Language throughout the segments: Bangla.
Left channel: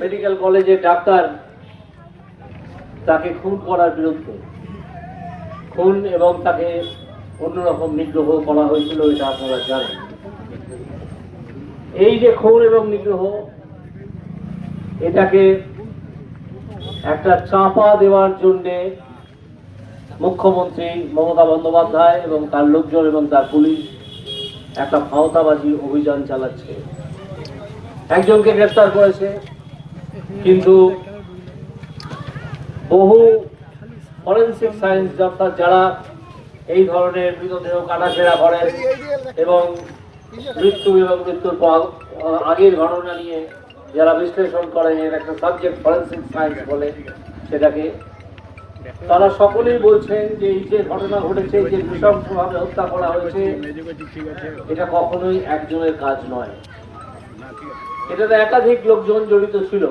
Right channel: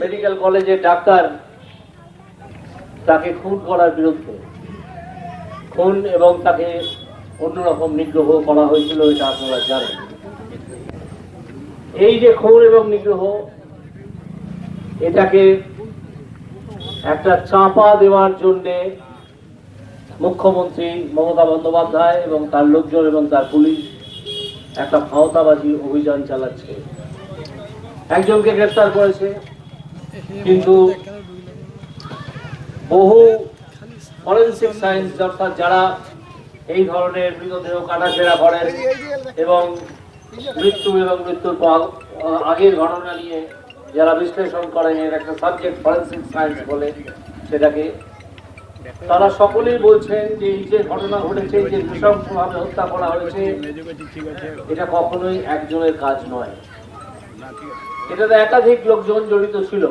মেডিকেল কলেজের ডাক্তার তাকে খুন করার বিরুদ্ধে। খুন এবং তাকে অন্যরকম নিগ্রহ করা হয়েছিল, এটা আপনারা জানেন। এই যে খুন এবং নিগ্রহ, এটাকে একটা চাপা দেওয়ার জন্যে মুখ্যমন্ত্রী মমতা বন্দ্যোপাধ্যায় এবং তার লোকজন এবং তার পুলিশ একটা ক্ষমতাবাজি অভিযান চালাচ্ছে। একজনকে গ্রেফতার করেছে কিন্তু বহু ফরেন্সিক সায়েন্স অর্থাৎ যারা এই ধরনের মৃতদেহ কাটাছেড়া করেন এবং মৃত্যু এবং মৃত্যুর পর আগের ঘটনা নিয়ে যারা বিশ্লেষণ করেন, এর একটা সাবজেক্ট ফরেন্সিক সায়েন্স বলে সেটাকে, তারা সকলেই বলছেন যে এই যে ঘটনা ঘটেছে, যে নৃশংসভাবে হত্যা করা হয়েছে, এটা কখনোই একজনের কাজ নয়। এটাতে একাধিক লোকজন জড়িত ছিল।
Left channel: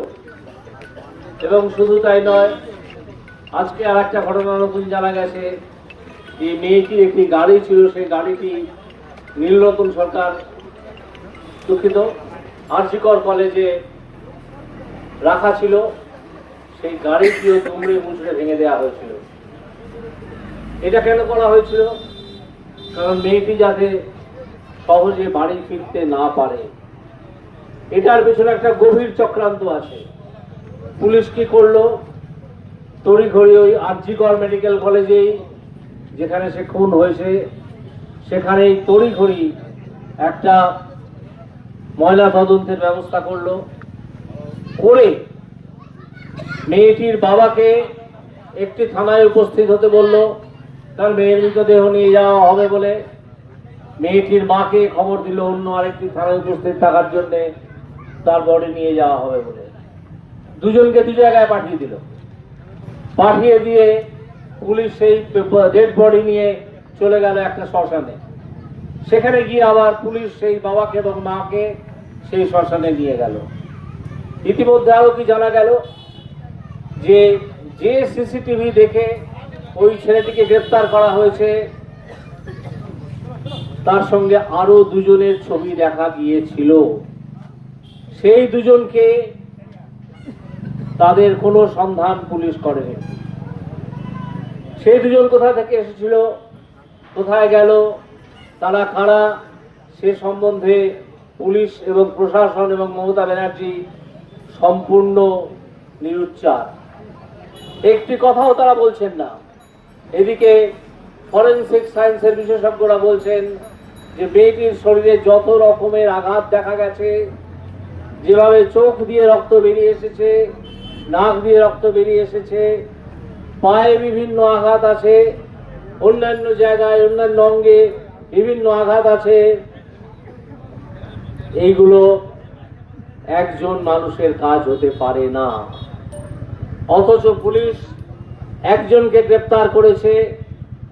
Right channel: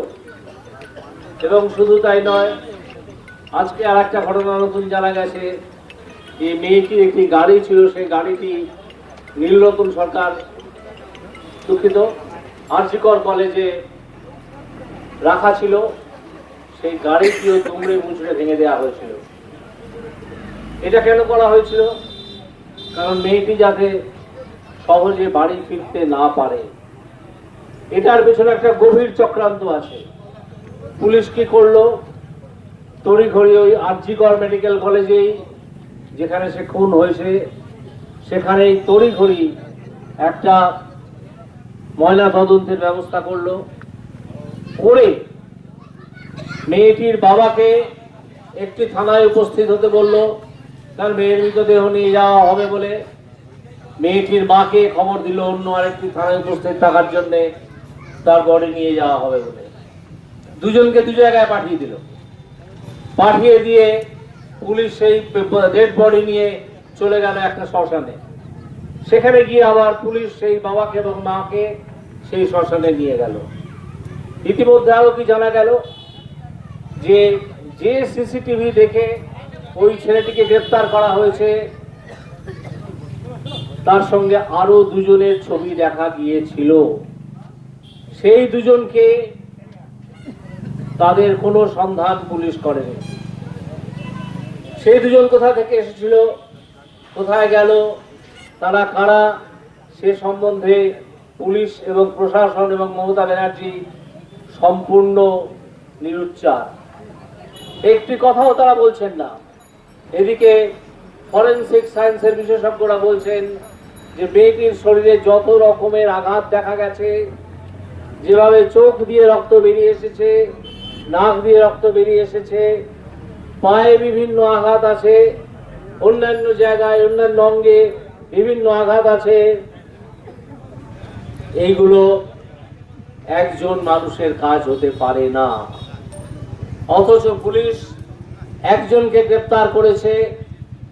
এবং শুধু তাই নয়, আজকে আর একটা ঘটনা নতুন জানা গেছে যে মেয়েটির একটি গাড়ি ছিল, সেই গাড়িটি নীলরতন সরকার দুঃখিত, আরজিকর কলেজে রাখা ছিল। সেই গাড়িটিও দুমড়ে মুচড়ে ভেঙে দেওয়া হয়েছিল। এটা কেন করা হয়েছিল? কারণ মেয়েটি যাতে সহজে বাড়ি ফিরতে না পারে। এটার পেছনে একটা গভীর চক্রান্ত আছে। পুলিশ কি করল? তড়িঘড়ি ওই আরজিকর মেডিকেল কলেজেই যেখানে সে খুন হয়েছে, সেখানেই তড়িঘড়ি একটা ময়লা তদন্তের ব্যবস্থা করল। করে মেয়েটির বাবাকে একটি থানায় উপস্থিত হতে বলল, তার মেয়ের মৃতদেহ নিয়ে যাওয়া হবে বলে। মেয়েটির মাকে খবর দিল অন্য আরেকটি থানায় উপস্থিত থাকার জন্য। তার বডি নিয়ে যাওয়া হবে বলে। দুজনকে দু জায়গায় পাঠিয়ে দিল। পাঠিয়ে দিয়ে পুলিশ সেই ডেড বডি নিয়ে চলে গেল একটা শ্মশানে। সেখানে গিয়ে আবার পুলিশ সেই বাবাকে এবং মাকে সেই শ্মশানে নিয়ে গেল। ইতিমধ্যে আরও কি জানা গেল? যে যে সিসিটিভি দেখে ওই ছেলেটিকে গ্রেপ্তার করা হয়েছে, তার সঙ্গে আরও দুজনের ছবি দেখা গিয়েছিল। সেই দুজনকে তাদের কোনো সন্ধান পুলিশ করেনি। সেই দুজন কোথা থেকে এসেছিল, কোথায় গেল, তারা কারা, সে সম্বন্ধে পুলিশ এবং প্রশাসন এবং মমতা ব্যানার্জি সম্পূর্ণ নিরুচ্চার। একটি কথাও তারা বলছেন না। এদিকে ফরেন্সিক সায়েন্সের বিশেষজ্ঞরা বলছেন যে মেয়েটির শরীরে যত রকমের আঘাত দেখা গেছে যেভাবে চোখ দিয়ে রক্ত বেরিয়ে এসেছে, নাক দিয়ে রক্ত বেরিয়ে এসেছে, পায়ে বিভিন্ন আঘাত আছে, অন্যান্য জায়গায়, অন্যান্য অঙ্গে বিভিন্ন আঘাত আছে এইগুলো একজন মানুষের কাজ হতে পারে না। অথচ পুলিশ একজনকে গ্রেপ্তার করেছে,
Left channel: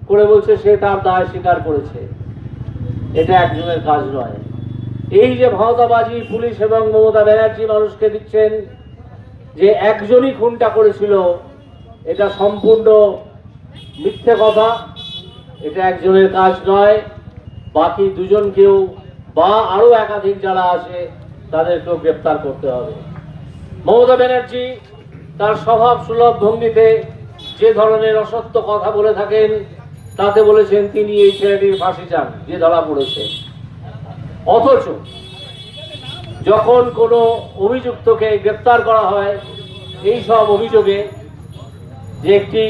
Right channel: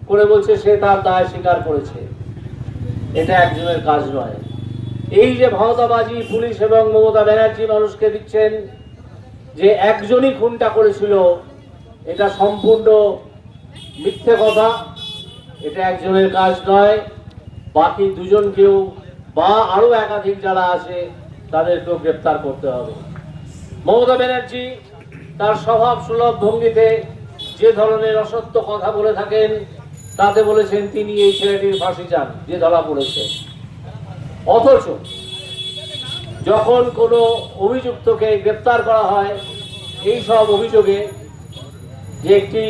করে বলছে সে তার দায় স্বীকার করেছে। এটা একজনের কাজ নয়। এই যে ভাওতাবাজি, পুলিশ এবং মমতা ব্যানার্জি মানুষকে দিচ্ছেন, যে একজনই খুনটা করেছিল, এটা সম্পূর্ণ মিথ্যে কথা। এটা একজনের কাজ নয়, বাকি দুজনকেও বা আরও একাধিক যারা আছে, তাদেরকেও গ্রেপ্তার করতে হবে। মমতা ব্যানার্জি তার স্বভাব সুলভ ভঙ্গিতে যে ধরনের অসত্য কথা বলে থাকেন, তাতে বলেছেন, তিনি এই ছেলেটির ফাঁসি চান, যে ধরা পড়েছে। অথচ যখন কোনো অভিযুক্তকে গ্রেপ্তার করা হয়, এই সব অভিযোগে যে একটি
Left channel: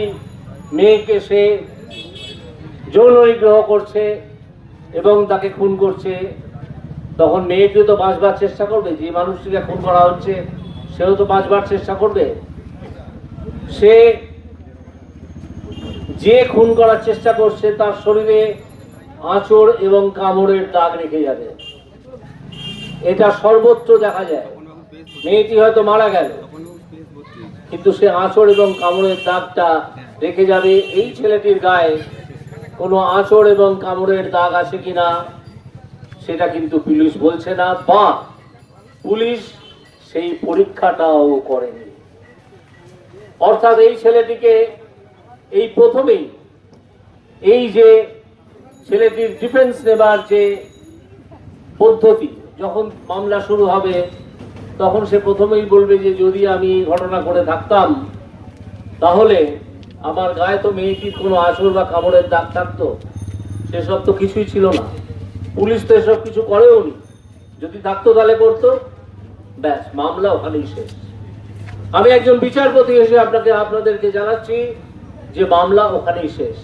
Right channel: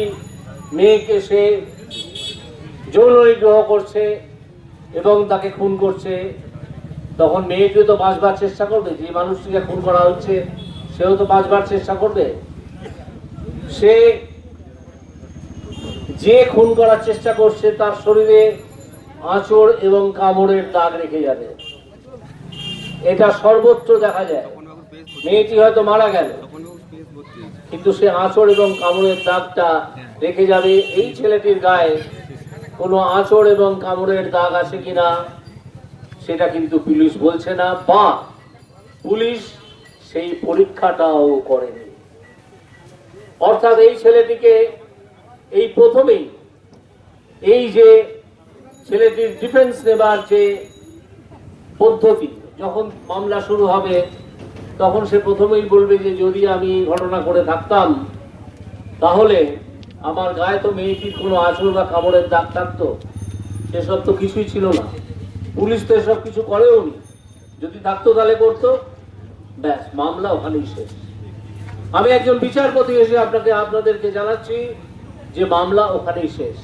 মেয়েকে সে যৌন নিগ্রহ করছে এবং তাকে খুন করছে, তখন মেয়েটিও তো বাঁচবার চেষ্টা করবে, যে মানুষটিকে খুন করা হচ্ছে, সেও তো বাঁচবার চেষ্টা করবে। সে যে খুন করার চেষ্টা করছে, তার শরীরে আঁচড় এবং কামড়ের দাগ রেখে যাবে। এটা সর্বত্র দেখা যায়। মেয়েটি হয়তো মারা গেল, কিন্তু সে আঁচড় এবং কামড়ের দাগটা রেখে যাবে। এই ছেলেটির গায়ে কোনো আঁচড় এবং কামড়ের দাগ আছে কিনা, সেটা কিন্তু পুলিশ বলছে না, বা পুলিশ সেই পরীক্ষাটাও করেনি। অর্থাৎ এই ছেলেটিকে এই প্রথমেই এই যে ছেলেটির ডিফেন্স নেবার যে পদ্ধতি, যখন মামলা শুরু হবে, তখন সে প্রথমেই বলবে যে, যদি আমি ঘটনা করে থাকতাম, তাহলে আমার গায়ে তো মেয়েটির কোনো আঁচড় বা কামড়ের দাগ থাকতো। সেসব তো কিছুই ছিল না। পুলিশ তো এসব কিছু করেও নি। যদি থাকতো তাহলে করতো। ব্যাস, মামলা ওখানেই শেষ। আমি একজন বিচারপতি এসে আপনাকে, আপনাদেরকে জানাচ্ছি যে মামলা ওখানেই শেষ।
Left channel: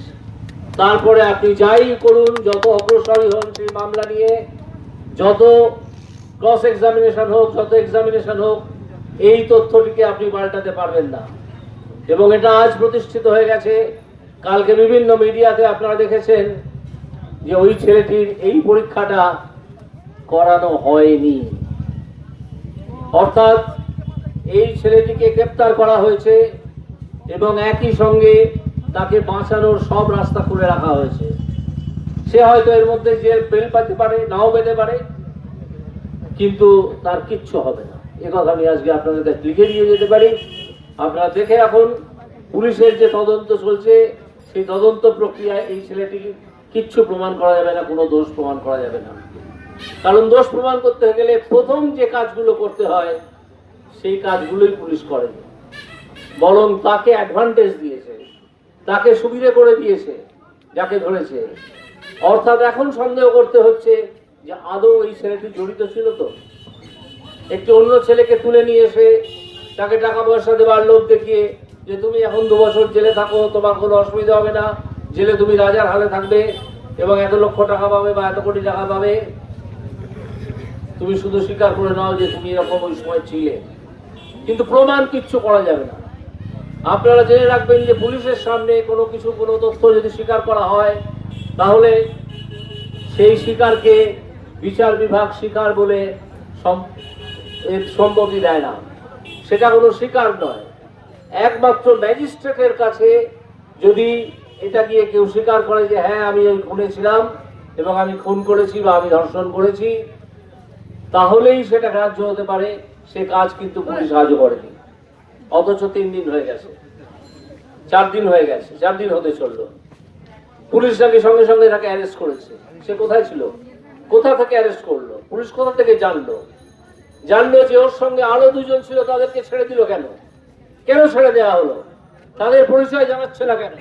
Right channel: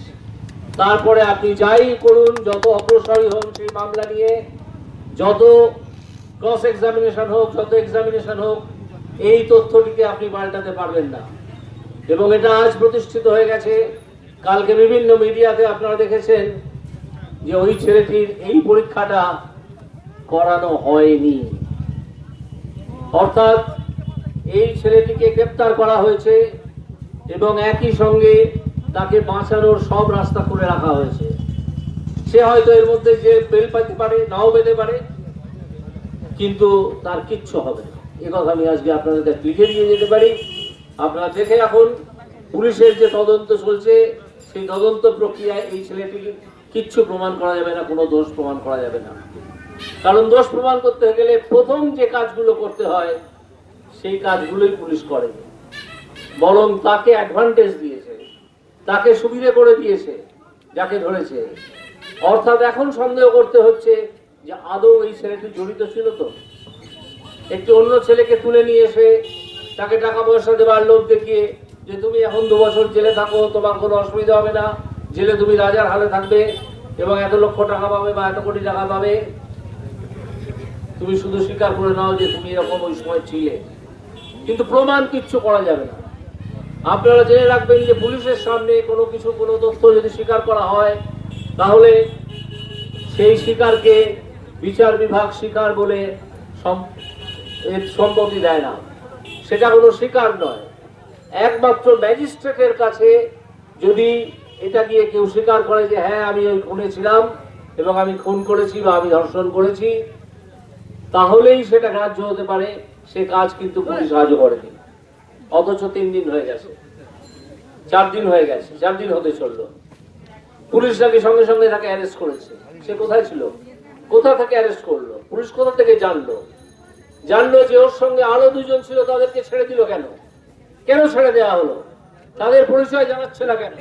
তারপরে আপনি যাই করুন, যত অগ্রসরী হন সেই মামলা নিয়ে, যত ক্রস এক্সামিনেশন হোক, যত এক্সামিনেশন হোক, এই তথ্যটিকে আপনি পাল্টাতে পারবেন না। এবং এটা আজ প্রতিষ্ঠিত হয়ে গেছে। কালকে বিভিন্ন মিডিয়াতে আপনারা দেখেছেন যে ওই ছেলেটির এই পরীক্ষাটা করানো হয়নি। অর্থাৎ এই ছেলেটিকে গ্রেপ্তার করা হয়েছে এবং একই সঙ্গে তাকে বাঁচানোর সব রাস্তা খুলে রাখা হয়েছে। সে হয়তো এর মধ্যে যে বেল পাতে পারে, নাও পেতে পারে, কিন্তু তার কিচ্ছু হবে না। কথা আমি আজকে আপনাদের কাছে লিখে দিয়ে যেতে পারি। আপনারা দেখে রাখুন, পুলিশের যে তদন্ত চলছে, সেই তদন্ত প্রক্রিয়ায় এই ছেলেটিকে কিচ্ছু প্রমাণ করা যাবে না, কোনো দোষ প্রমাণ করা যাবে না। কারণ দোষ প্রমাণ করতে গেলে প্রথম যে কাজগুলো করতে হয়, সেই কাজগুলোই পুলিশ করে। বরং তাকে অ্যাডভান্টেজ দিয়েছে। তাকে সুবিধে করে দিয়েছে, যাকে ধরেছে। অর্থাৎ এখন সন্দেহ করতে হচ্ছে যে আদৌ এই ছেলেটি জড়িত ছিল তো। একটি অন্য ছেলেকে তুলে নিয়ে এসে তাকে টাকা পয়সা দেওয়ার লোভ দেখিয়ে যে তুমি এখন দু বছর জেলে থাকো, তোমার কোনো অসুবিধা হবে না, জেলে তুমি রাজার হালে থাকবে এবং এত লক্ষ টাকা পাবে বা এত কোটি টাকা পাবে। তুমি শুধু স্বীকার করে নাও যে তুমি এরকম ওই সময় ছিলে। কিন্তু প্রমাণ কিচ্ছু করা যাবে না। আপনারা জেনে রাখবেন যে পুলিশের সামনে কোনো কিছু, কোনো তথ্য যদি স্বীকার করা হয়, তাহলে সেই স্বীকারকে বিচার বিভাগ স্বীকার বলে সম্মতি দেয় না। সেটা কোনো স্বীকার নয়। একমাত্র ম্যাজিস্ট্রেটের কাছে যদি এটা গিয়ে কেউ স্বীকার করে যে হ্যাঁ আমি ওই খুনে ছিলাম এবং আমি খুন করেছি বা আমি ধর্ষণ করেছি, তাহলেই সেটা গ্রাহ্য হতে পারে। সে কাজ কিন্তু পুলিশ আজও করেনি। অথচ তিন দিন হয়ে গেছে। চার দিন হয়ে গেছে, চার দিন হতে চলল। পুলিশ নাকি সঙ্গে সঙ্গে তাকে অ্যারেস্ট করেছে। সে কোথায় ছিল? কোথা থেকে অ্যারেস্ট করল? পুলিশ কোথা থেকে জানলো? জানলো যে ওর সঙ্গে আরও দুজন ছিল, তাদেরকে ছেড়ে দিল কেন? কেন ছেড়ে দেওয়া হলো? তাদের পরিচয় জানাচ্ছে না কেন?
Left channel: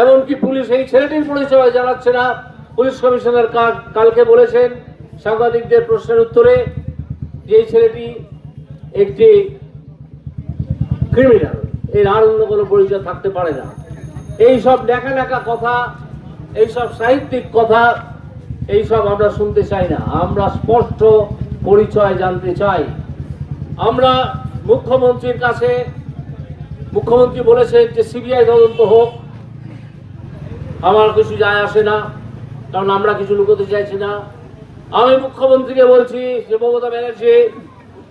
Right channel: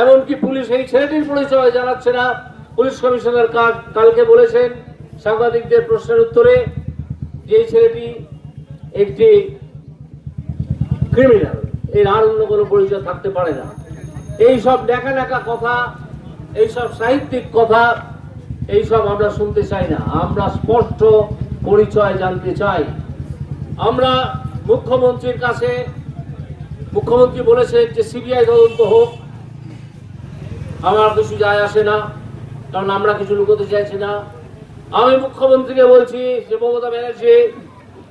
এমনকি পুলিশ এই ছেলেটির পরিচয় জানাচ্ছে না। পুলিশ কমিশনার কালকে বলেছেন, সাংবাদিকদের প্রশ্নের উত্তরে যে ছেলেটি একটি ক্রিমিনাল এর আর অন্য কোনো পরিচয় থাকতে পারে না। এই সব দেখা কথা, এই সব সাহিত্যিক কথা, এই সব আমরা শুনতে চাই না। আমরা স্পষ্ট পরিচয় জানতে চাই। আমরা মুখ্যমন্ত্রীর কাছে, মুখ্যমন্ত্রী বলেছেন যে সিবিআই তদন্ত হোক। আমার কিছু যায় আসে না, কারণ আমরা কিছু লুকোতে চাইছি না। আমি মুখ্যমন্ত্রীকে বলছি যে মমতা ব্যানার্জি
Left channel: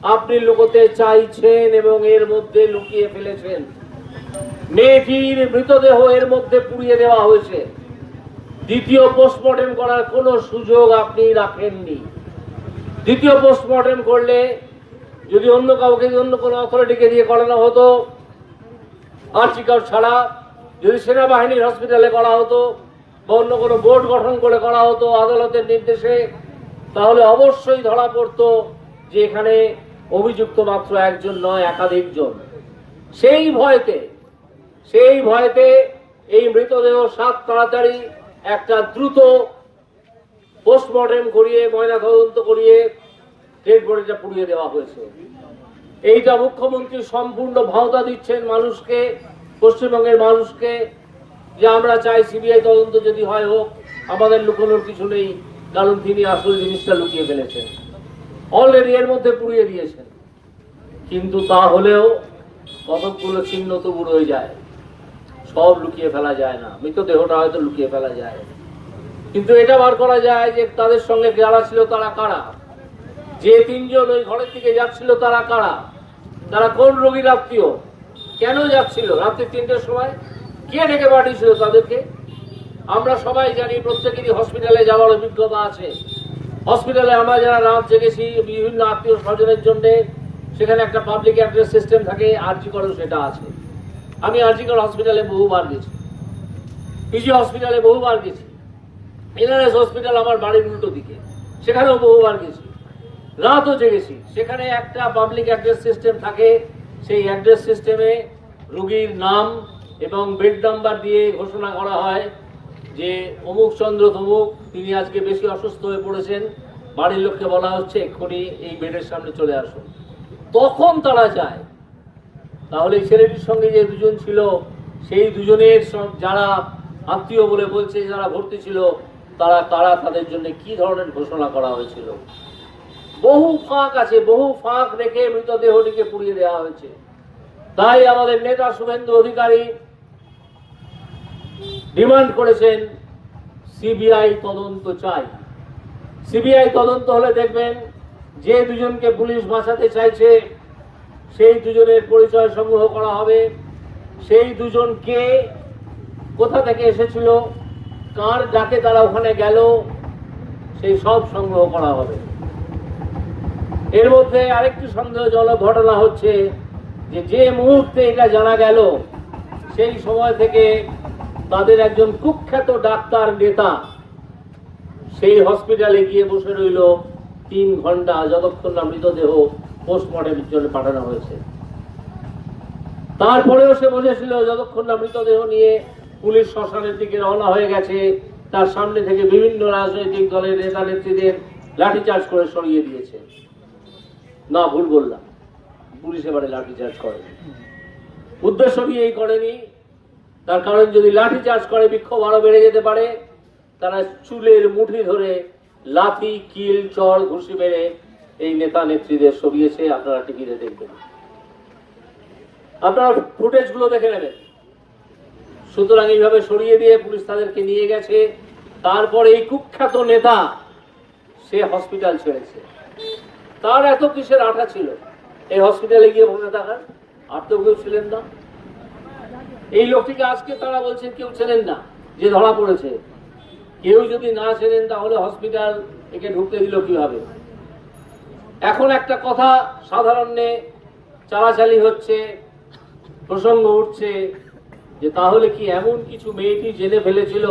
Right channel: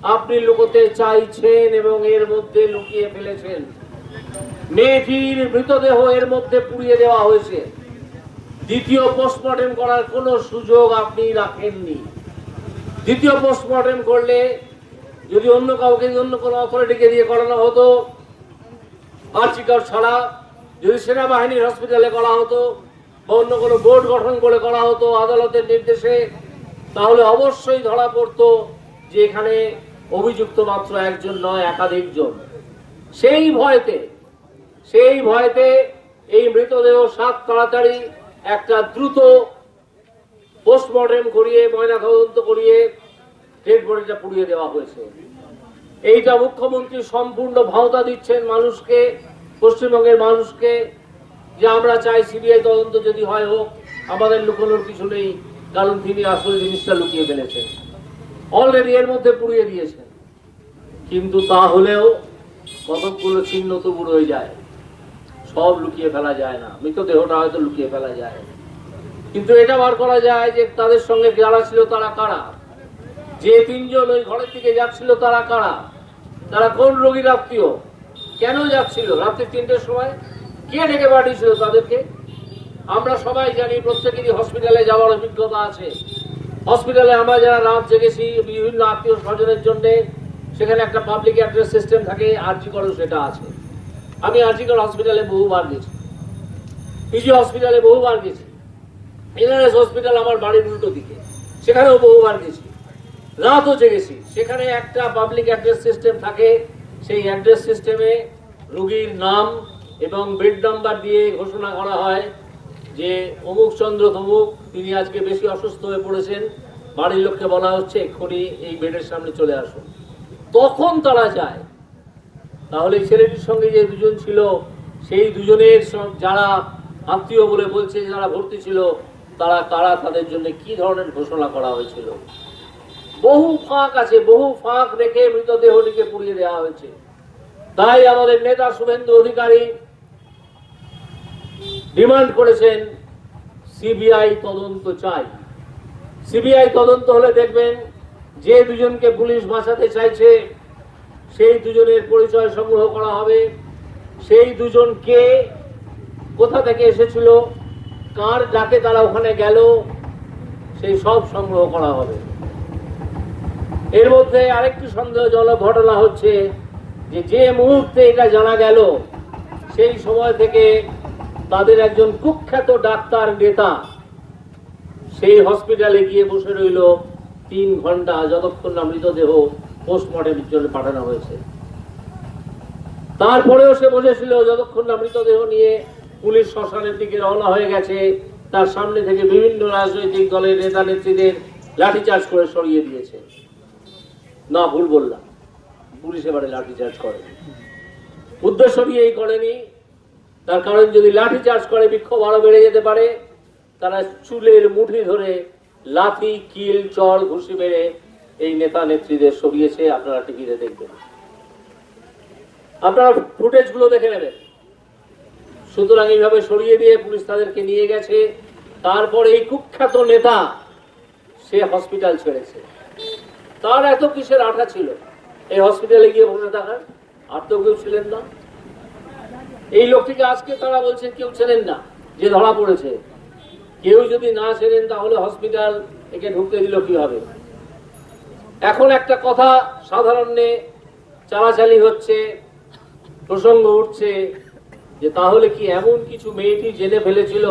আপনি লুকোতে চাইছেন এবং এর মধ্যে লুকিয়ে ফেলেছেন। মেয়েটির মৃতদেহ এর মধ্যে পুড়িয়ে দেওয়া হয়েছে। দ্বিতীয় পোস্টমর্টেম করার কোনো সুযোগ আপনি রাখেননি। দ্বিতীয় পোস্টমর্টেম করলে যদি অন্য কাউকে অন্য কোনো অথরিটিকে দিয়ে করানো হতো আর্চিকার ছাড়া, যদি সেনাবাহিনীর হসপিটালে করা হতো বা অন্য কোনো বোর্ড গঠন করে করা হতো আদালতের নির্দেশে, তাহলে অবশ্যই ধরা পড়তো যে এখানে অভিযুক্ত মাত্র একজন নয়, একাধিক জন। সেই ভয়তে সেই ভয়তে এই মৃতদেহ সাত তাড়াতাড়ি একটা দ্রুত পোস্টমর্টেম করিয়ে, ময়না তদন্ত করিয়ে ডেড বডিটা পুড়িয়ে দেওয়া হয়েছে। এইটা মুখ্যমন্ত্রী সম্পূর্ণ ভাওতা দিচ্ছেন মানুষকে, পশ্চিমবঙ্গের মানুষকে, যে আমরা চাই সিবিআই তদন্ত যদি হয় হোক, আমাদের লুকোনোর কিছু নেই, কারণ তিনি আসলে জিনিসটা লুকিয়ে ফেলেছেন। অলরেডি এর মধ্যে পুড়িয়ে দিয়েছেন। কিন্তু তা হলেও কতকগুলো চিহ্ন তবু রয়ে যায়। সব লুকিয়ে ফেলা যায় না। মৃতদেহটা হয়তো লুকিয়ে ফেলা যায়। কিন্তু এটা বার করা যায় যে তাদের সঙ্গে যারা ছিল তারা কারা? যে তিনজন ওই ঘরের দিকে যাচ্ছিল তারা কারা? তারা কোন রোগীর আত্মীয়? কেন যাচ্ছিল রাত্রি তিনটের সময়? কে ডেকে পাঠিয়েছিল তাদেরকে? আমরা সবাই জানি প্রত্যেকেরই হসপিটালে যাওয়ার অভিজ্ঞতা আছে। হসপিটালে আমরা যারা রাত জেগেছি, বিভিন্ন আত্মীয় স্বজনের জন্য, সেখানে একটা পাবলিক অ্যাড্রেস সিস্টেম থাকে আরজি করো সেটা আছে। আমি আরজিকর হসপিটালে বহুবার গেছি। পিজি হসপিটালে বহুবার গেছি। এনআরএস হসপিটাল আমার বাড়ির উল্টো দিকে। সেখানেও বহুবার গেছি। রাতও জেগেছি। সেখানে একটা পাবলিক অ্যাড্রেস সিস্টেম থাকে। সেই অ্যাড্রেস সিস্টেমে রুগীর নাম এবং বেড নাম্বার দিয়ে ঘোষণা করা হয়। যে অমুক চন্দ্র তমুক তিনি আজকে বেশি অসুস্থ হয়ে পড়েছেন, বাড়ির লোককে বলা হচ্ছে, এক্ষুনি এই বেডের সামনে চলে আসুন। তখন তারা যায়। তাহলে ছেলেটির সঙ্গে যে দুজন ছিল, সেই দুজনের যারা আত্মীয় বলে বলছে, যারা ভর্তি ছিল, তারা কারা তাদের জন্য কি ধরনের ঘোষণা করা হয়েছিল? বহু ফাঁক আছে, বহু ফাঁক রেখে মৃতদেহটিকে পুড়িয়ে দেওয়া হয়েছে। তাই আমাদের নেতা শুভেন্দু অধিকারী ডিমান্ড করেছেন সিবিআই তদন্ত চাই। সিবিআই তদন্ত হলে দেখবেন যে দুজনকে পুলিশ বাঁচাতে চাইছে, সেই দুজনের পরিচয় সংগ্রহ করা হবে। সেই দুজন কে, কোথা থেকে এসেছিল, কার ডাকে তারা ওখানে গেল, সেই সব সংগ্রহ করা হবে। এর মধ্যে আরেকটি সন্দেহজনক ঘটনা হচ্ছে যে যে মুহূর্তে এটা জানা গেল, সেই সময় থেকে তাদের একজন কুখ্যাত ডাক্তার নেতা, সেই হসপিটালে গিয়ে বসে রইল। তিন ঘণ্টা যতক্ষণ না মৃতদেহ পোস্টমর্টমের জন্য পাঠানো হয়েছে। তারপরেও সে বসেছিল যতক্ষণ না মৃতদেহ নিয়ে পুলিশ শ্মশানের দিকে রওনা হয়ে গেছে। তার সামনে থেকে বিভিন্ন রাজনৈতিক দলের নেতা নেত্রীদের লাঠিচার্জ করে সরিয়ে দিয়েছে। না, ভুল বললাম। পুলিশ এবারে লাঠিচার্জ করে উদ্দেশ্য নিয়েই করেনি। তার কারণ যদি লাঠি চার্জ করে, বিক্ষোভ আরও বেড়ে যেতে পারে। তারা চুলের মুঠি ধরে লাথি, কিল চড় ঘুষি মেরে এই নেতা নেত্রীদের সরিয়েছে। আপনারা টিভিতে দেখবেন। আপনারা ফুটেজগুলো দেখে নেবেন। সুতরাং এইভাবে সরিয়ে দিয়ে পুলিশ তাদেরকে নিয়ে গেছে। তারপর এই কুখ্যাত নেতা, সে হসপিটাল ছেড়েছে। তার এত কিসের আঠা ছিল? এই হসপিটালে গিয়ে বসে আর তো কেউ ছিলেন না? এই লোকটিকে আজকে তারা বলছেন কেউ চেনেন না, যে ধরা পড়েছে। কেউ যদি না চেনেন, তাহলে হসপিটাল একে ঢুকতে দিল কীভাবে? এখন একটা কথা সাধারণে চালাচালি হচ্ছে, প্রসঙ্গ উঠছে, যে তাহলে কি এমন কিছু মেয়েটি জেনে ফেলেছিল?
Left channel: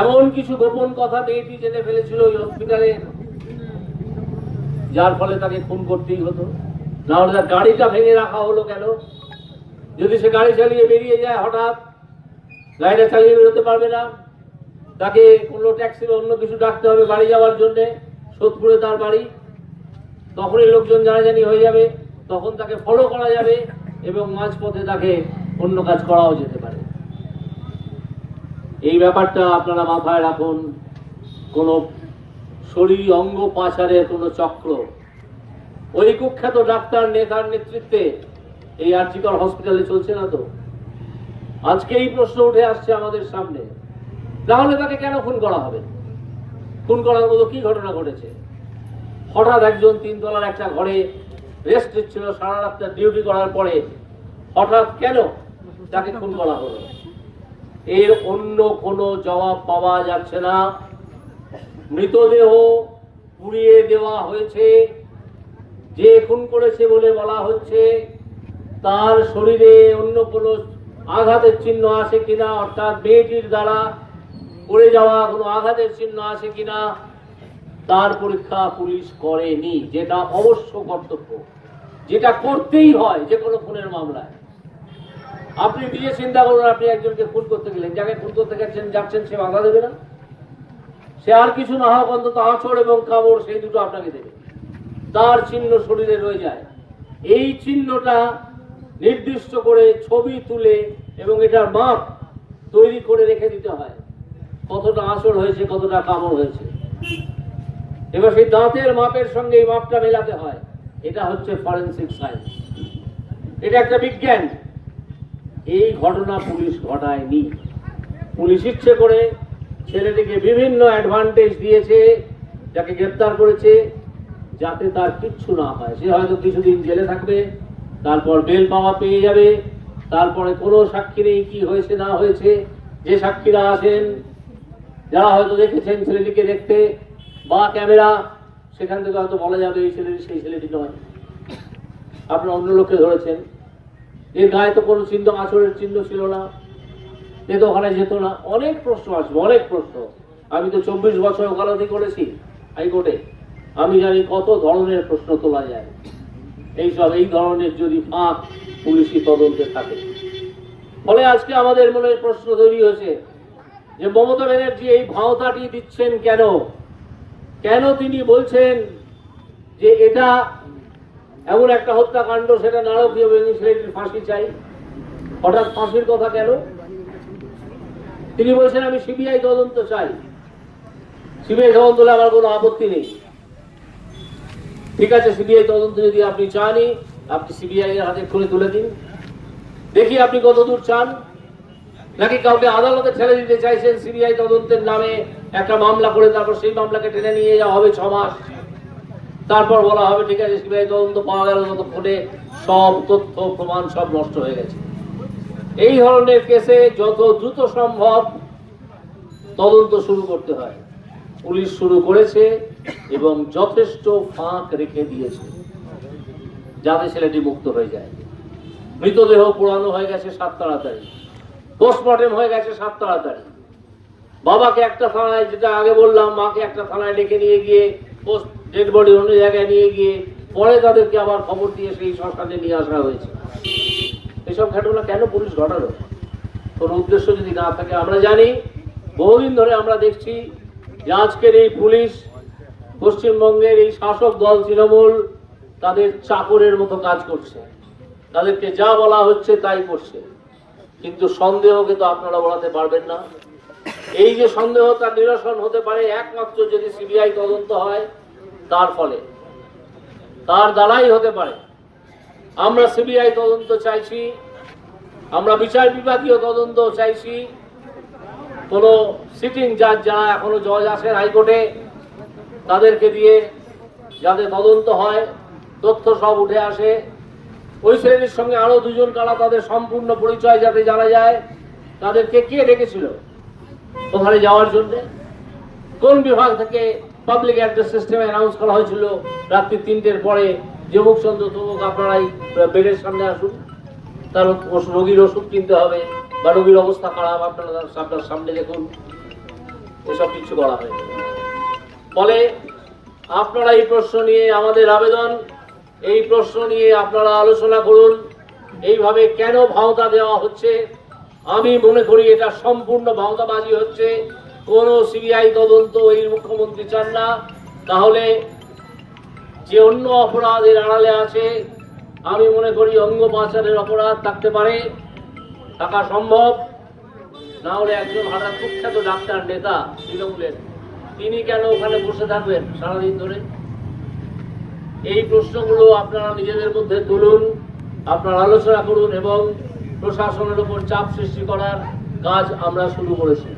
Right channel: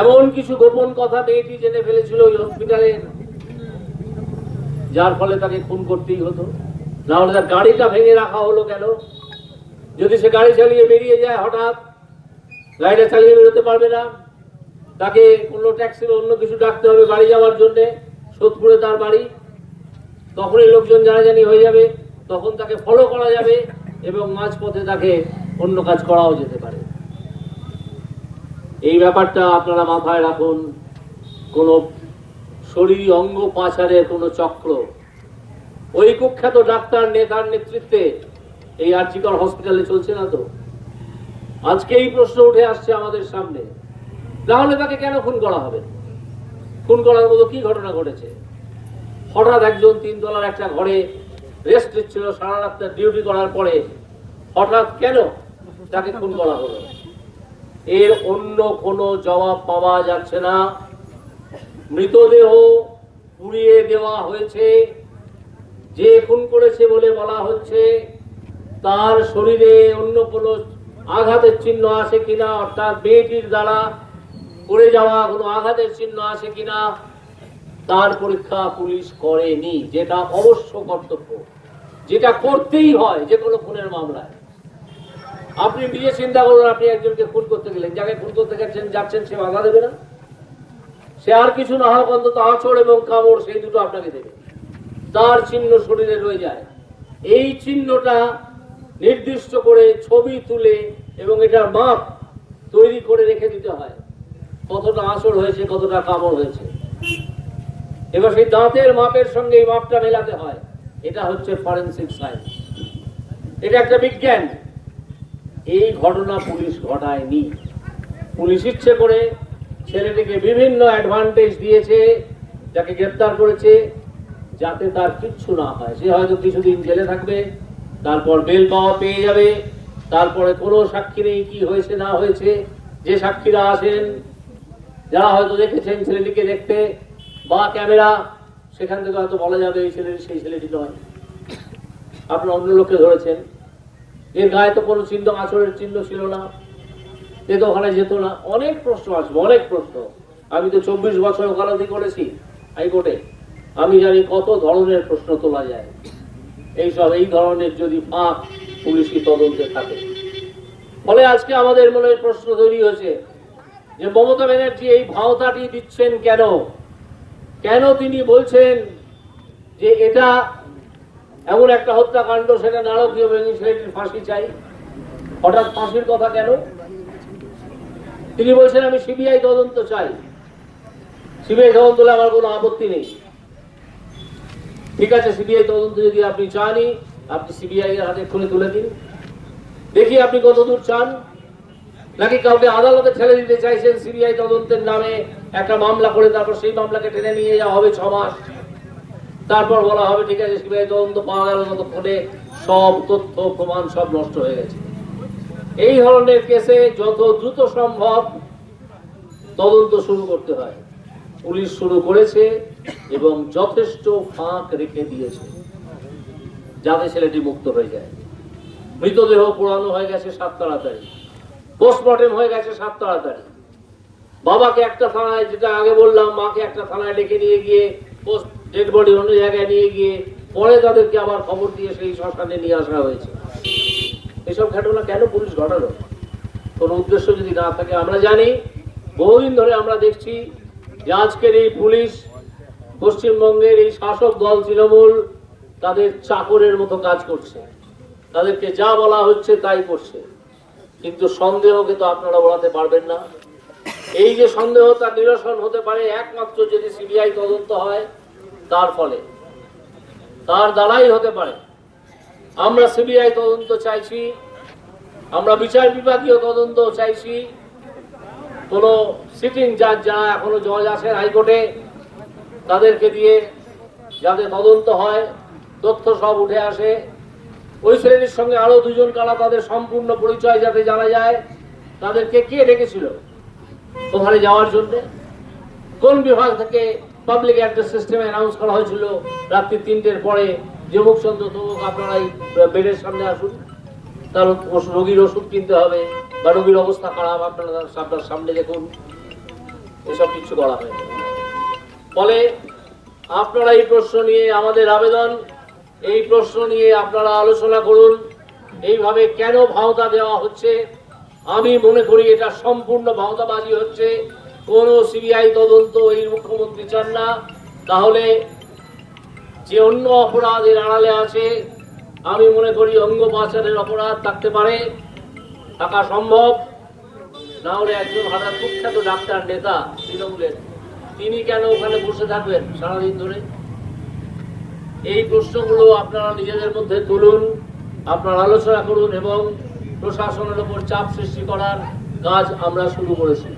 এমন কিছু গোপন কথা মেয়েটি জেনে ফেলেছিল ওই হসপিটালে? যার ফলে তাকে খুন করতেই হতো। না হলে তার গাড়িটা ভেঙে রাখা হলো কেন? যদি সে গাড়ি চালিয়ে বেরিয়ে যায়, হঠাৎ গাড়িটা চালিয়ে বেরোতে পারবে না। তাকে কোনো ট্যাক্সি বা অন্য কিছু ডাকতে হবে বাড়ি যাওয়ার জন্য, সোদপুরে তার বাড়ি। তখনই লোকজন জানাজানি হয়ে যাবে, তখন তাকে ফলো করা যাবে এবং মাঝপথে তাকে অন্য কাজ করাও যেতে পারে। এই ব্যাপারটা আপনারা মাথায় রাখুন, কোন শরীর অঙ্গ পাচারের কোনো চক্র। ওই কুখ্যাত ডাক্তার নেতার নেতৃত্বে এই আর্জিকর হসপিটালে চলছে না তো? আজকে এই প্রশ্ন উঠে আসছে আমাদের সামনে। তাহলে তাকে কেন খুন করা হবে? খুন করার মতো কি ঘটনা ঘটেছে? হঠাৎ একজন তিনতলার একটা ঘরে রেস্ট নিচ্ছিল, সারা রাত ডিউটি করার পরে হঠাৎ কেন তাকে খুন করা হলো? এর অন্য কোনো জবাব পাওয়া যাচ্ছে না। মৃতদেহ পুড়িয়ে দেওয়া হয়েছে। যে খুন করেছে বলে বলা হচ্ছে তার শরীরে অন্য কোনো আঘাতের চিহ্ন আছে কিনা, অর্থাৎ মেয়েটির দ্বারা পড়ে যাওয়া কোনো আঘাতের চিহ্ন আছে কিনা, তার পরীক্ষা পুলিশ করেনি, যেটা অবশ্য কর্তব্য। যেটা করতেই হয় যে কোনো খুনের মামলায়। আপনি নিজে চিন্তা করুন, আপনি একজনকে খুন করতে গেলেন, যাকে খুন করতে গেছেন, যাচ্ছেন, সে বাধা দেবে না। সে আর কিছু না হোক, অন্তত আঁচড় এবং কামড়, সেই দুটো আপনাকে দেবে। তার চিহ্ন শরীরে রয়ে যায়। এই চিহ্নটা নির্দিষ্ট করে ছবি তুলে এবং এটার মাপ তৈরি করে রেখে দিতে হয়। কতটা আঁচড় হয়েছে, কতটা কামড় হয়েছে। এবার সেই দাঁতের মাপের সঙ্গে এই মাপটা মেলাতে হয়। এটা হচ্ছে ফরেন্সিক সায়েন্স এটা একটা বিজ্ঞান। এই ঘটনা পুলিশ ঘটায়নি। পুলিশ ইচ্ছে করে ছেলেটিকে বিভিন্ন অ্যাডভান্টেজ দিয়েছে, যাকে গ্রেপ্তার করেছে, যাতে তার কিচ্ছু না হয়। সে হয়তো কিছুদিন জেলে থাকবে। তারপর বেল পাওয়া পেয়ে যাবে। তারপরে কোনো সাক্ষী নেই কি হয়েছে, না হয়েছে। যে সাক্ষীরা আসেন যারা হয়তো দেখেছেন ছেলেটিকে দেখতে, বা ক্যামেরা, সেখান থেকে হয়তো বলা যাবে এই ছেলেটি সেই ছেলেটি নয়। আপনারা অন্য লোককে ধরেছেন। এর গায়ে তো কোনো চিহ্ন আচরের চিহ্ন ছিল না। এ তো ওখানে যেত না। অনেক প্রশ্ন আসবে, অনেক প্রশ্ন। আমি তো চব্বিশ বছর ওকালতি করেছি হাইকোর্টে। আমি জানি কত ধরনের প্রশ্ন তোলা যায়। এইসব, এই ধরনের যদি ফাঁক পুলিশি তদন্তে থাকে। ফলে আজকে আমাদের মনে প্রশ্ন তৈরি হয়েছে যে মমতা ব্যানার্জি এই ভাওতাটি দিচ্ছেন কেন? কেন তিনি বলছেন যে এটা এমন একটা হত্যাকাণ্ড, সেটা নারকীয় ছেলেটির ফাঁসি চাই? হঠাৎ ফাঁসির কথা কেন? তিনি বলছেন, আমি সিবিআই তদন্ত চাই। সিবিআই তদন্ত আমার কোনো আপত্তি নেই। ঠিক আছে, সিবিআই তদন্ত যদি আপনি চানই আপনি সিবিআই এর হাতে খুলে তুলে দিন। দেখি আপনি কতদূর চান। নাকি কাউকে আদালতে ঠেলে দিতে চাইছেন সিবিআই তদন্তের নামে একটা মামলা করে, তারপর সেই মামলাকে টেনে নিয়ে যাওয়া হবে ছ মাস। তারপর বলা হবে, ঠিক আছে, সিবিআই তদন্ত পাওয়া গেল ততক্ষণে সব তথ্য, প্রমাণ সব নষ্ট হয়ে গেছে। এই ধরনের কেসে যত দ্রুত সম্ভব তদন্ত শুরু করতে হয়। পুলিশ শুরু করেছে এবং যথেষ্ট ফাঁক রেখে দিয়েছে যাতে ছেলেটি মুক্ত হয়ে যায়। মৃতদেহ পোড়ানো হয়ে গেছে সাত তাড়াতাড়ি পোস্টমর্টেম হয়ে গেছে সাত তাড়াতাড়ি। বাবাকে একটা থানায়, যেটা আগে বললাম, মাকে একটা থানায় ডেকে নিয়ে গিয়ে পোস্ট ডেড বডি অন্য জায়গায় নিয়ে গিয়ে, পরে তাদেরকে আবার খবর দিয়ে সেই শ্মশানে নিয়ে আসা হয়েছে। এসব ঘটনা কেন পুলিশ ঘটালো? কোনো উদ্দেশ্য যদি না থাকে, আমরা জানি, বহুদিন ধরে আমরা দেখছি যে আজকের এই পুলিশ পশ্চিমবঙ্গের এই শাসক দল তৃণমূল তাদের চাকরের মতো কাজ করছে। তাদেরকে যা বলা হচ্ছে তাই করছে। কিন্তু সন্দেহকে তো আপনারা বলাতে পারবেন না। এই যে সন্দেহ তার নিরসন হতে পারে একমাত্র যদি সিবিআই তদন্ত হয়, তার ফলে। তার দ্বারাই হতে পারে। আমরা সিবিআই তদন্ত চাইছি, আমরা বিচার বিভাগীয় তদন্ত চাইছি। কোন সিটিং জাজ যারা এখনও জজ আছেন হাইকোর্টে, তাদেরকে দিয়ে যাতে তদন্ত হয়, তথ্য সব উঠে আসে। ওই শ্রেণির সঙ্গে আরও দুজন কারা তাদের সম্পূর্ণ পরিচয় যাতে জানা যায়, তাদেরকে কে ডেকেছিল? ওখানে যাওয়ার জন্য। কোন বিভাগ থেকে পাবলিক অ্যাড্রেস সিস্টেমে অ্যানাউন্স করা হয়েছিল রাত্রি তিনটের পরে? যে মুখচন্দ্র তমুক, আপনারাই বেডের সামনে আসুন। ওষ- রোগীর ওষুধ কিনতে হবে। বা অবস্থা খারাপ, আপনারা আপনার সামনে দেখুন, এসব কিছু করা হয়নি ফলে আপনারা এই প্রশ্ন নিয়ে আমাদের আবেদন, এই প্রশ্ন নিয়ে আপনারা আলোচনা করুন, এইভাবে কেন ভাওতা দেওয়া হচ্ছে? আমি মনে করি এটা সম্পূর্ণ ভাওতাবাজি হচ্ছে। কোন সিবিআই তদন্ত এই মুখ্যমন্ত্রী চান না। তাহলে যে অন্য অপরাধের আড়ালে আছে, আমি মনে করি অঙ্গ পাচারের অপরাধ থাকতে পারে। থাকা সম্ভব। না হলে একজন হঠাৎ কুখ্যাত ডাক্তার নেতা তৃণমূলের, তিনি কেন ওখানে বসে থাকবেন সারাদিন ধরে? এই প্রশ্নগুলো আপনারা নিজেদের মধ্যে তুলুন, আপনারা আলোচনা করুন এবং প্রশাসনের উপর চাপ সৃষ্টি করার কাজ আমরা শুরু করেছি।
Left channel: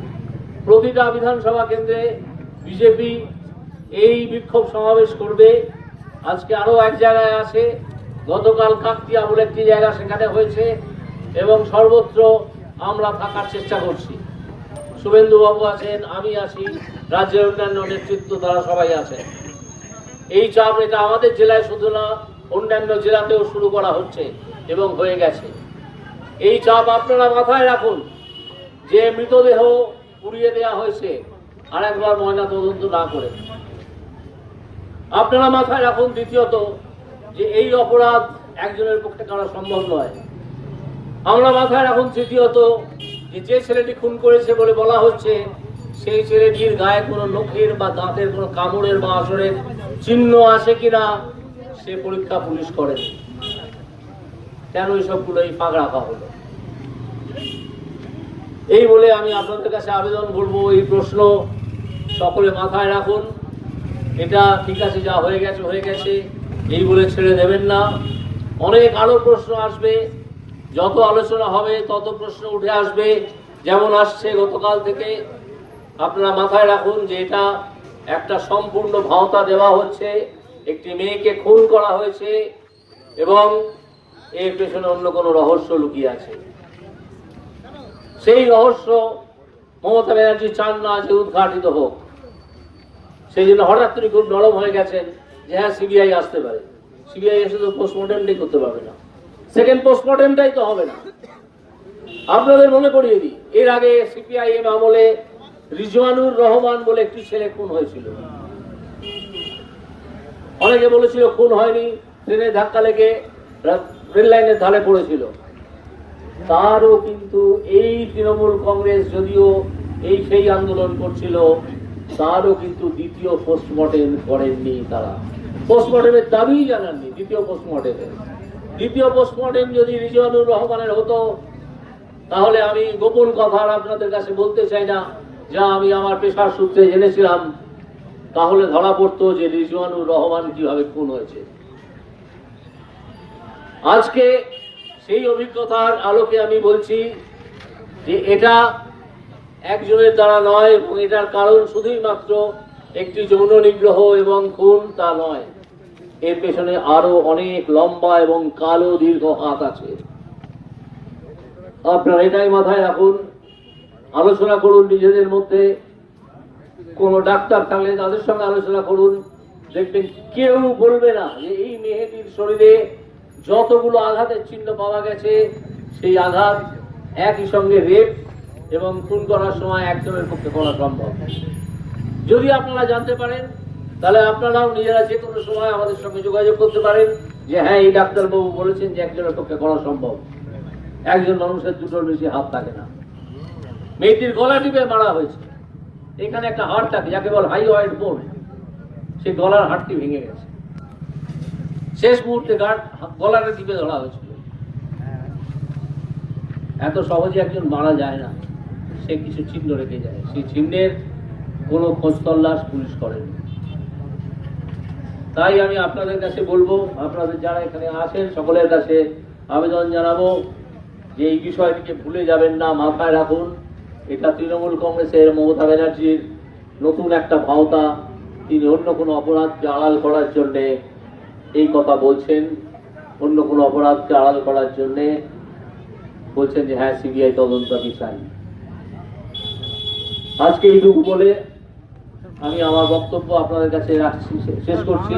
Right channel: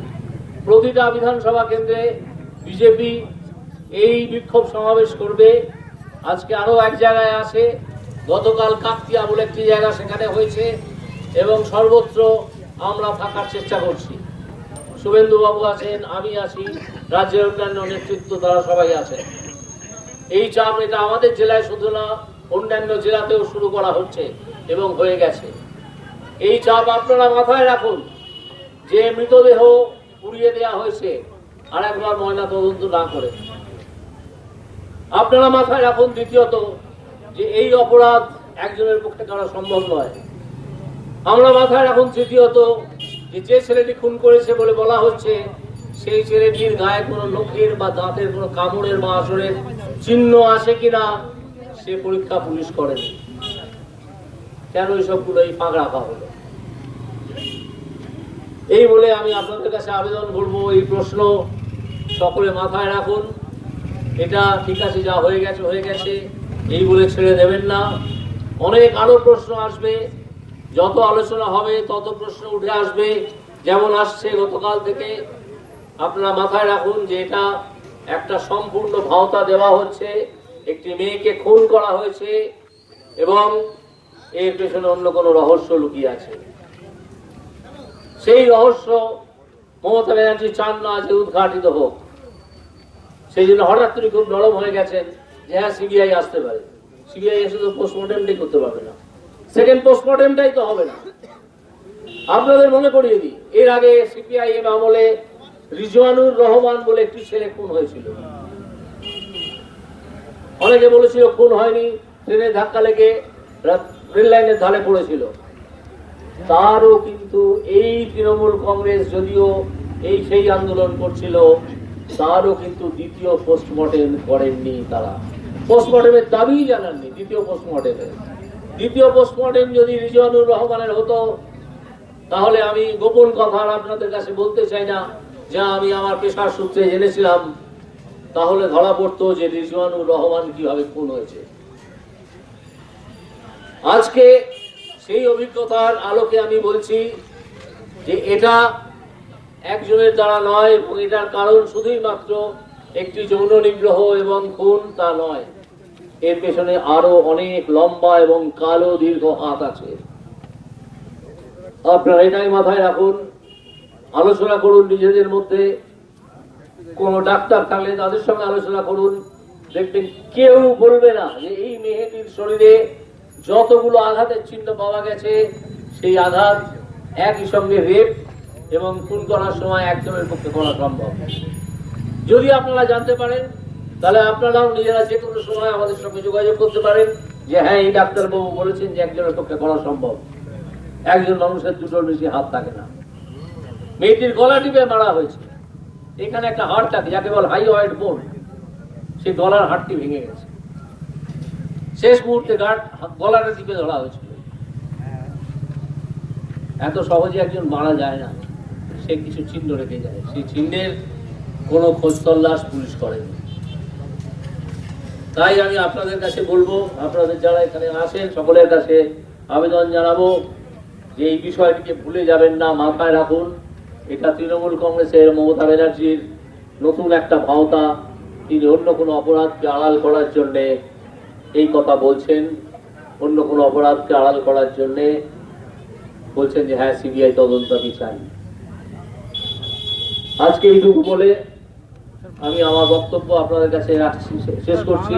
প্রতিটা বিধানসভা কেন্দ্রে বিজেপি এই বিক্ষোভ সমাবেশ করবে। আজকে আরও এক জায়গায় আছে, গতকাল কাকতিয়া বলে একটি জায়গা সেখানে হয়েছে। এবং সর্বত্র আমরা থাকার চেষ্টা করছি। শুভেন্দু বাবু আছেন, আমি আছি, রাজ্যের অন্যান্য নেতৃত্ব তারা সবাই আছেন। এই চাপ এটা আমাদের জেলায় শুধু না, অন্যান্য জেলাতেও শুরু করা হচ্ছে এবং হয়ে গেছে। এই চাপ আপনারা মাথায় রাখুন, যে মৃতদেহ পুড়িয়ে দেওয়া হয়েছে, আর একবার ময়না তদন্ত না করে। আপনারা মাথায় রাখুন দ্বিতীয়ত, যে এই অপরাধ একজনের পক্ষে করা সম্ভব নয়। আমরা মাথায় রাখুন তৃতীয়ত যে ছেলেটি খুন করেছে বলে বলা হচ্ছে, সেই ছেলেটির গায়ে কোনো নখের বা দাঁতের কোনো কামড়ের বা আসরের চিহ্ন আছে কিনা, সে পরীক্ষা পুলিশ করে কেন এইসবগুলো এই ফাঁক রাখা হলো? এই বলে আমি আপনাদের কাছে আবেদন করব, এই প্রশ্ন সকলে মাথায় রাখুন। এটা ঠিক আছে, যা হয়ে গেছে হয়ে গেছে, এই বলে ছেড়ে দেবেন না। অনেক আরও প্রশ্ন আসবে। যত আলোচনা হবে, তত প্রশ্ন উঠে আসবে। যেমন আসছে গতকাল থেকে আপনারা মাথায় রাখুন যে এটা একটা সম্পূর্ণ ভাওতা দেওয়া হচ্ছে। একটি মেয়েকে খুন করা হয়েছে এবং এর পেছনে অন্য কোনো রহস্য লুকিয়ে আছে। সেই রহস্য মমতা ব্যানার্জি চান না যে উদ্ঘাটিত হোক। সেই জন্য হঠাৎ করে খুব নরম হয়ে গেছেন যে হ্যাঁ সিবিআই আসতে পারে। সিবিআই এসে তো পোস্টমর্টমটাই করতে পারবে না। সেকেন্ড পোস্টমর্টমটাই তো হবে না। আপনাদের মনে করিয়ে দিই, এর আগে সিপিআইএম আমলে রিজওয়ানুর রহমান বলে একটি ছেলে খুন হয়েছিল। অনেকে বলেছিল খুন হয়নি, ট্রেনে ধাক্কা লেগে রেল লাইনের ধারে পড়েছিল। তারও কিন্তু এই তৃণমূল কংগ্রেস যদিও এই সেই আন্দোলন করছিল, তারও কিন্তু দ্বিতীয় পোস্টমর্টেম করেননি তারা। পোস্টমর্টেমের দাবি জানাননি, দ্বিতীয় পোস্টমর্টেমের দ্বিতীয় পোস্টমর্টেম যদি রিজওয়ানুর রহমানের হতো, তাহলে আমি গোপন কথা আপনাদের কাছে বলতে চাই না, যা আমি আমার পেশার সূত্রে জেনেছিলাম। তাহলে ধরা পড়তো যে রিজওয়ানুর রহমান কীভাবে খুন হয়েছে। আজকে সেই অভিজ্ঞতার আলোকে আমি বলছি যে এটা একজনের দ্বারা নয়, এবং এটার কারণ শুধুই মাত্র একটি যৌন নিগ্রহ এবং খুন তা নয়। এর পেছনে আরও অনেক লম্বা এবং কালো দীর্ঘ হাত আছে। আপনারা এটাই মাথায় রাখুন। আলোচনা করুন নিজেদের মধ্যে। কোন ডাক্তার থাকলে তাদের সঙ্গে আলোচনা করুন। দেখবেন কেউ বলবে না যে এই মেহেদির শরীরে যতগুলো আঘাতের চিহ্ন পাওয়া গেছে, সেই আঘাত একই সঙ্গে রেপ এবং খুন করার সময় একজনের পক্ষে করা সম্ভব। যদি আপনারা জানতে পারেন তাহলে আপনারাও নিজেরা যে কোনো সময় আমাদের সঙ্গে যোগাযোগ করতে পারেন। যে হ্যাঁ এই ডাক্তারবাবু বলেছেন যে একজনের পক্ষে করা সম্ভব। একজন মানুষের দুটোর বেশি হাত থাকে না। মেয়েটির গলা টিপে মারা হয়েছে। এখানে একটা হাড় থাকে, যাকে বল হাই ওয়াইড বোন সেই গলার হাড়টি ভেঙে গেছে। শেষ মুহূর্তে গাঢ় গলাটা টিপে ধরা হয়েছিল। এত সহজে একজন মারা যায় না। সে কিছু চিহ্ন রেখে যায়। সেই চিহ্নের কোনো খোঁজ তল্লাশ পুলিশ করেনি। তাই আমি আপনাদের কাছে বলব, আপনাদের যারা এখানে আসেন সকলের কাছে আবেদন জানাব যে এই বিষয়টিকে ভুলে যাবেন না, মাথায় রাখুন। এটা তৃণমূল কংগ্রেসের মমতা ব্যানার্জির নতুন একটা ভাওতা, তিনি অন্য কোনো অপরাধকে আড়াল করার জন্যে এই কথা বলছেন। অন্য কোনো অপরাধকে আড়াল করার জন্যে বলছেন যে হ্যাঁ সিবিআই তদন্ত আমি চাই। আজকে এইটুকু বলে আমি আমার বক্তব্য আপনাদের কাছে রাখছি শেষ করছি।